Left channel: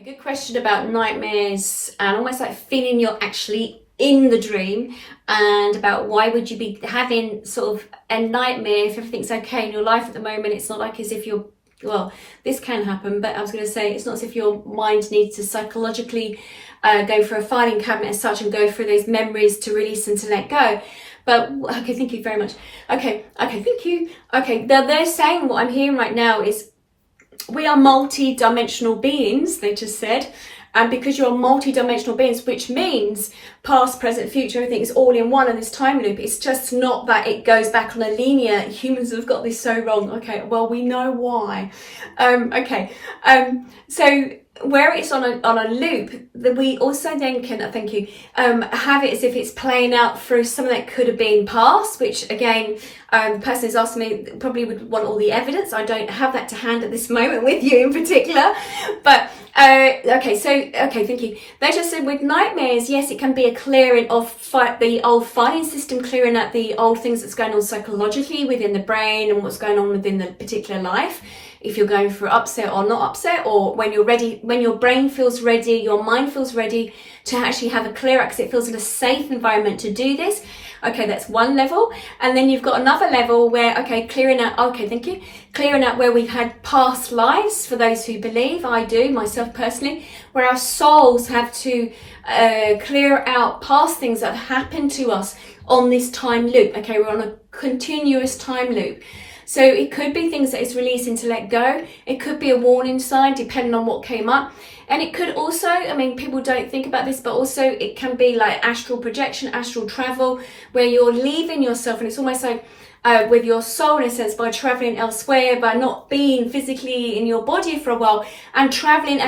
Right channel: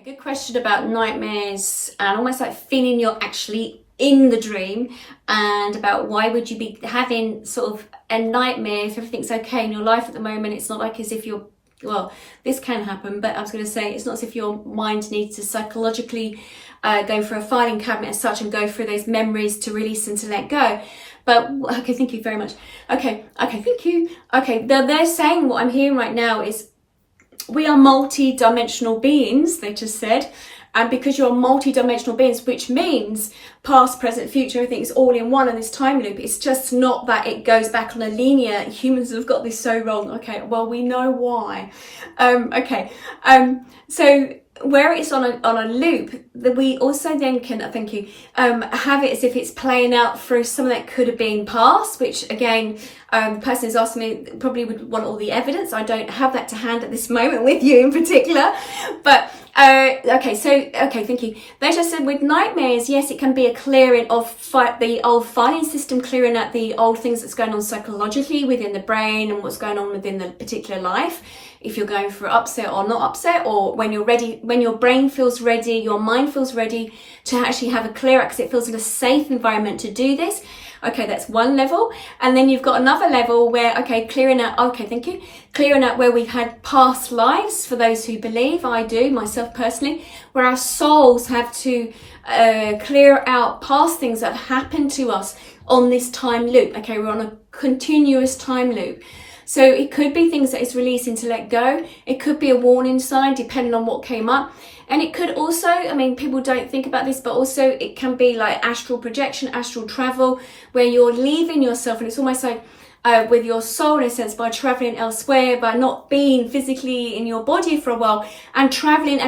A good question about nightmares and almost like feeling you're actually in the dream, and about why would you be having sort of a nightmare if everything's okay in your life at the moment. It's not like as if you're, well, this can happen, but I was going to say it's not as if your mind needs to psychologically go for a filing cabinet as such and go through those memories to release and to let go. But okay, thank you very much. Okay, thank you. Okay, they're saying what I'm hearing right now is we are multi-dimensional beings, they just said. And because you're multi-dimensional beings, which means past, present, future, everything is all in one in this time loop. It's just not that it goes back on a linear. Humans have got this so wrong. Okay, well, we know why. So where it's on a loop, that we also then can, thank you, have it as if it's playing out through something that could have been past, which again, the person who's asking me probably would want all the evidence. I don't have that to hand at this moment with you in particular, but okay, thank you. They just said with nightmares, yes, it can be a clearing of the old filing system, clearing out the old things that's going on psychologically within the brain and what's going on within the particular life. If you're going through upset or not upset, or when you're ready, when your brain feels ready, your mind feels ready to actually have a clear out because it feels in a safe environment to do this. Okay, that's one level. And then you've got another level where, okay, clearing out, okay, thank you. Clearing out where we've had past lives, for those who believe, I do, myself personally, where our souls have to clear out past things that have happened to us on this time loop. Okay, we're on a continuous time loop. So it could be things that it's releasing to let go. It could be a warning sign, depending on what came up. And it could also, I mean, people don't think about this, but also it can be like astral projection, astral travel, where you're leaving yourself. And it's almost like with your soul, in a sense, by traveling elsewhere, by not being physically in your body for a while, and traveling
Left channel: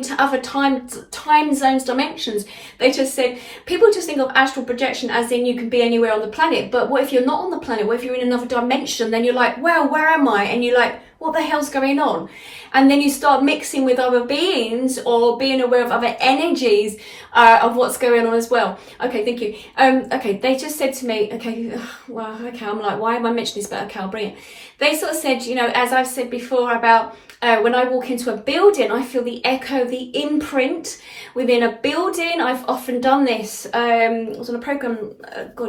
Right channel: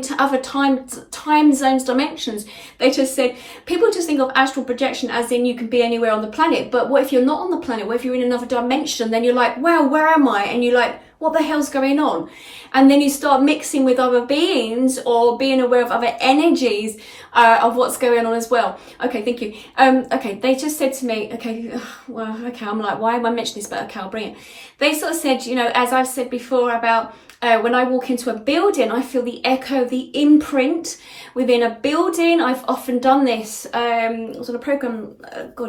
to other time zones, dimensions. They just said, people just think of astral projection as in you can be anywhere on the planet. But what if you're not on the planet? What if you're in another dimension? Then you're like, well, where am I? And you're like, what the hell's going on? And then you start mixing with other beings or being aware of other energies of what's going on as well. Okay, thank you. Okay, they just said to me, okay, well, okay, I'm like, why am I mentioning this? But okay, I'll bring it. They sort of said, you know, as I've said before about when I walk into a building, I feel the echo, the imprint within a building. I've often done this. I was on a program,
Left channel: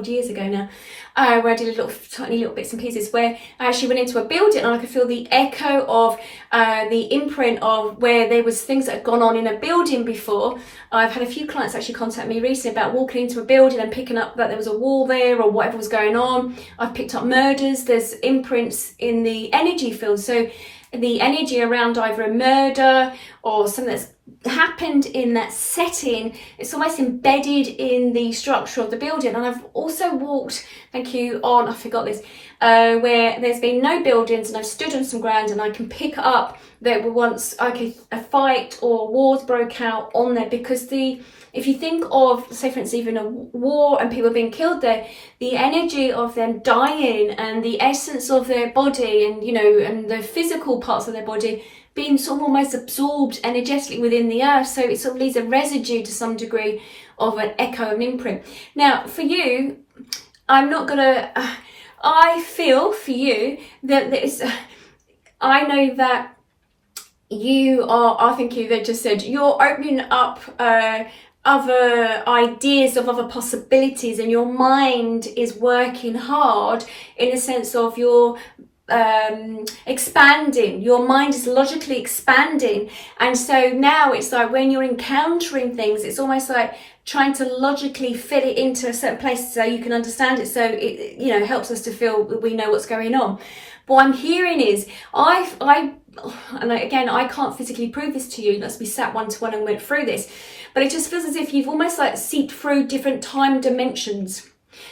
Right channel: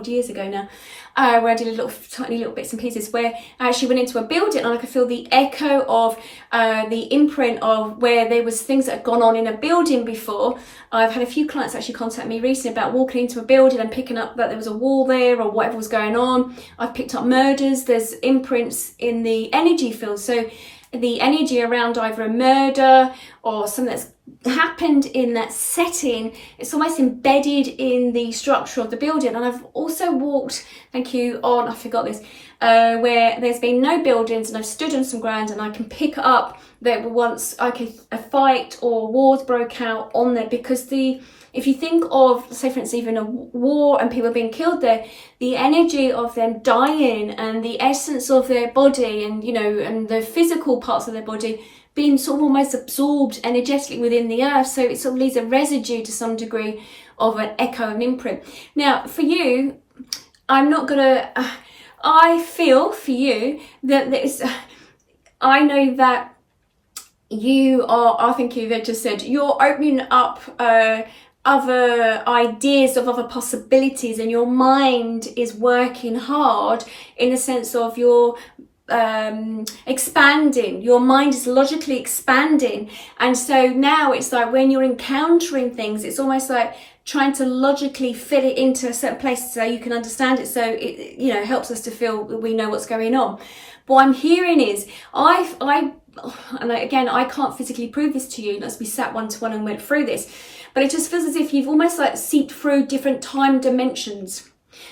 years ago now, where I did tiny little bits and pieces where I actually went into a building and I could feel the echo of the imprint of where there was things that had gone on in a building before. I've had a few clients actually contact me recently about walking into a building and picking up that there was a wall there or whatever was going on. I've picked up murders. There's imprints in the energy field. So the energy around either a murder or something that's happened in that setting, it's almost embedded in the structure of the building. And I've also walked, thank you, on, I forgot this, where there's been no buildings and I've stood on some ground and I can pick up that once a fight or wars broke out on there, because if you think of, say for instance, even a war and people being killed there, the energy of them dying and the essence of their body and, you know, and the physical parts of their body being sort of almost absorbed energetically within the earth. So it sort of leaves a residue to some degree of an echo, an imprint. Now, for you, I'm not gonna, I feel for you that there's, I know that you are, I think you that just said, you're opening up, other ideas of other possibilities, and your mind is working hard in the sense of your expanding. Your mind is logically expanding, and so now it's like when you're encountering things, it's almost like trying to logically fit it into a certain place so you can understand it, so it, you know, helps us to feel that we know what's going on. But what I'm hearing is and again, I can't physically prove this to you unless we sat one-to-one and went through this, but it just feels as if you've almost like seeped through different time dimensions.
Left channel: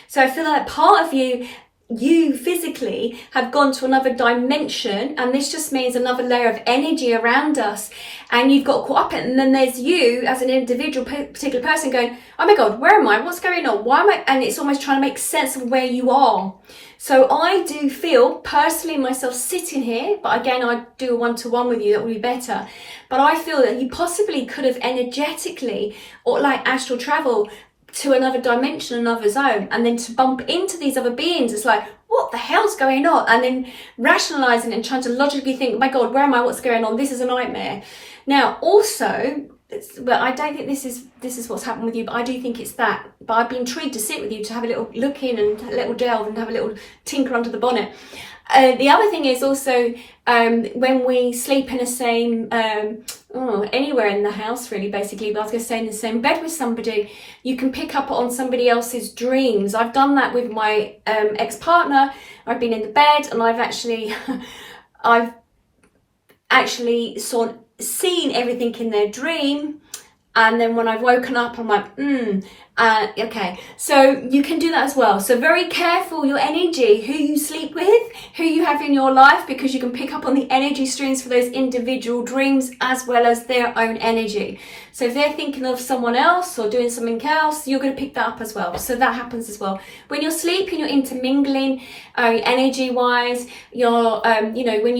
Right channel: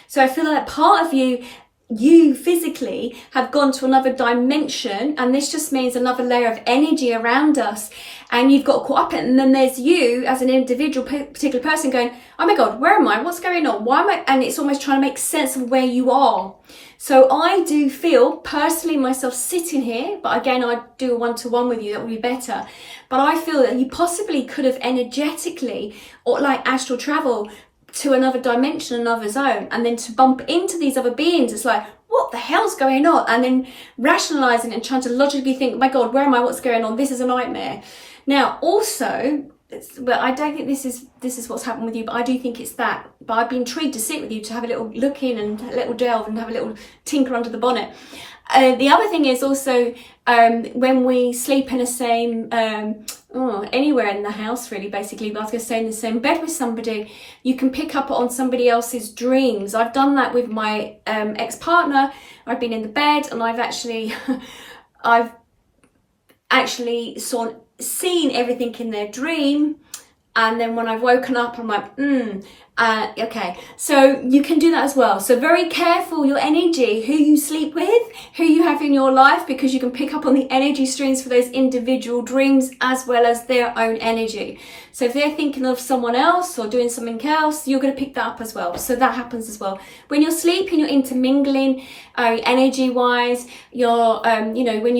So I feel like part of you physically have gone to another dimension, and this just means another layer of energy around us, and you've got caught up in it. And then there's you as an individual particular person going, oh my god, where am I, what's going on, why am I, and it's almost trying to make sense of where you are. So I do feel personally myself sitting here, but again, I do a one-to-one with you, that would be better, but I feel that you possibly could have energetically, or like astral travel, to another dimension, another zone, and then to bump into these other beings, it's like, what the hell's going on? And then rationalizing and trying to logically think, my god, where am I, what's going on, this is a nightmare. Now, also, well, I don't think this is what's happened with you, but I do think it's that. But I'd be intrigued to sit with you, to have a little look in and a little delve and have a little tinker under the bonnet. The other thing is also when we sleep in the same, anywhere in the house really, basically, but I was going to say in the same bed with somebody, you can pick up on somebody else's dreams. I've done that with my ex-partner. I've been in the bed and I've actually seen everything in their dream, and then when I've woken up I'm like okay, so you can do that as well. So very careful your energy, who you sleep with, who you have in your life, because you can pick up on the energy streams for those individual dreams as well as their own energy. So if they're thinking of someone else or doing something else, you're going to pick that up as well. So that happens as well. When you're sleeping, you're intermingling energy wise. You're when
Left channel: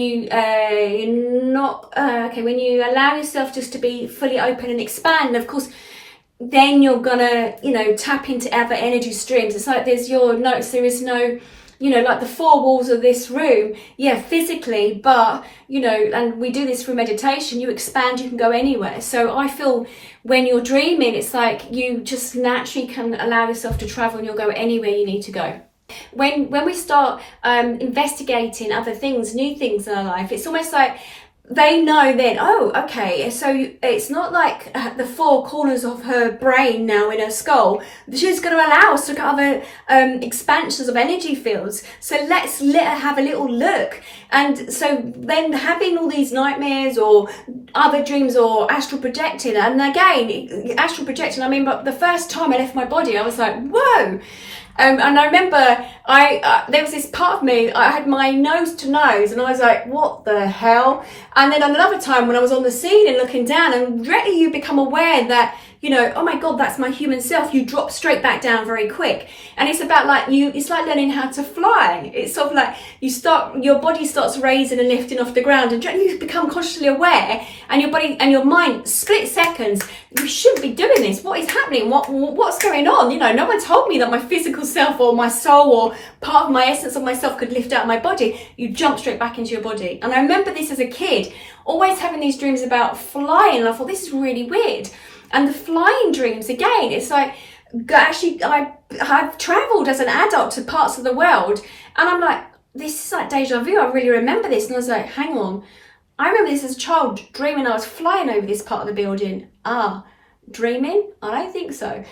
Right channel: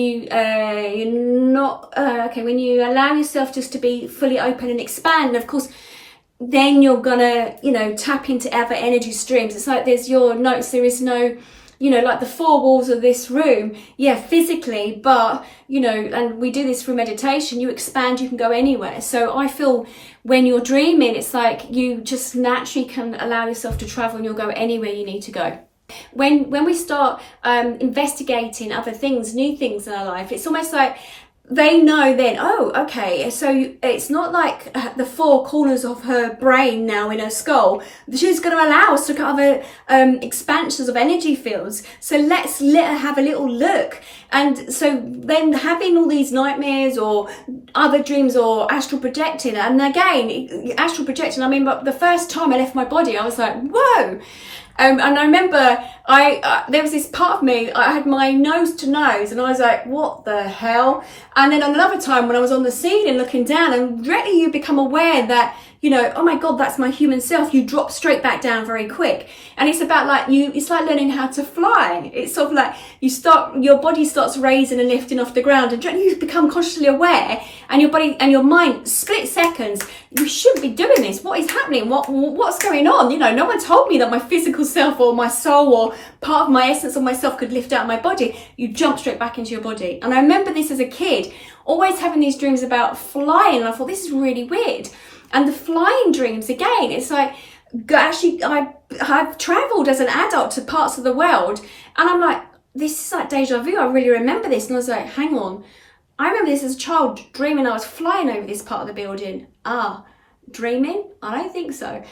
you allow yourself just to be fully open and expand, of course, then you're gonna, tap into other energy streams. It's like there is no, like the four walls of this room, physically, but, and we do this through meditation, you expand, you can go anywhere. So I feel when you're dreaming, it's like you just naturally can allow yourself to travel and you'll go anywhere you need to go. When we start investigating other things, new things in our life, it's almost like they know then, oh, okay, so it's not like the four corners of her brain now in her skull. She's going to allow us to look at other expansions of energy fields. So let's let her have a little look. And so then having all these nightmares or other dreams or astral projecting, and again, astral projecting, I mean, but the first time I left my body, I was like, whoa. And I remember there was this part of me, I had my nose to nose and I was like, what the hell? And then another time when I was on the ceiling looking down, and directly you become aware that, oh my God, that's my human self. You drop straight back down very quick. And it's about like it's like learning how to fly. It's sort of like your body starts raising and lifting off the ground, and you become consciously aware, and your body and your mind, split seconds, you shouldn't be doing this. What is happening? What's going on? No one told me that my physical self or my soul or part of my essence of myself could lift out of my body. You jump straight back into your body. And I remember this as a kid, always having these dreams about flying. And I thought, this is really weird. And the flying dreams, again, it's like, actually, I've travelled as an adult to parts of the world, and I'm like, this is like deja vu. I really remember this. And I was like, hang on, I remember this as a child, dreaming I was flying over this part of the building. Dreaming? I don't think so.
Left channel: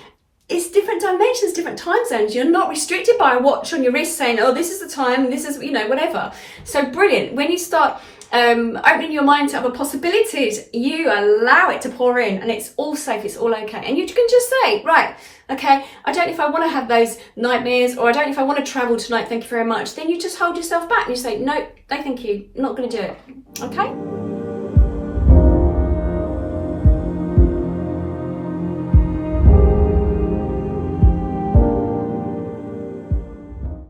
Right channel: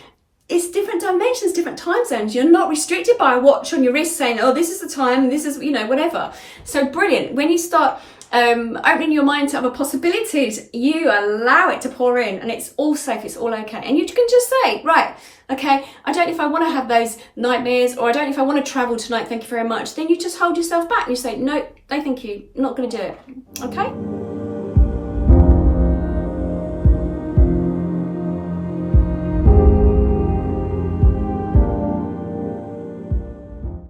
It's different dimensions, different time zones. You're not restricted by a watch on your wrist saying, oh, this is the time, this is, whatever. So brilliant. When you start opening your mind to other possibilities, you allow it to pour in, and it's all safe, it's all okay. And you can just say, right, okay, I don't know if I want to have those nightmares, or I don't know if I want to travel tonight, thank you very much. Then you just hold yourself back and you say, no, thank you, I'm not going to do it. Okay?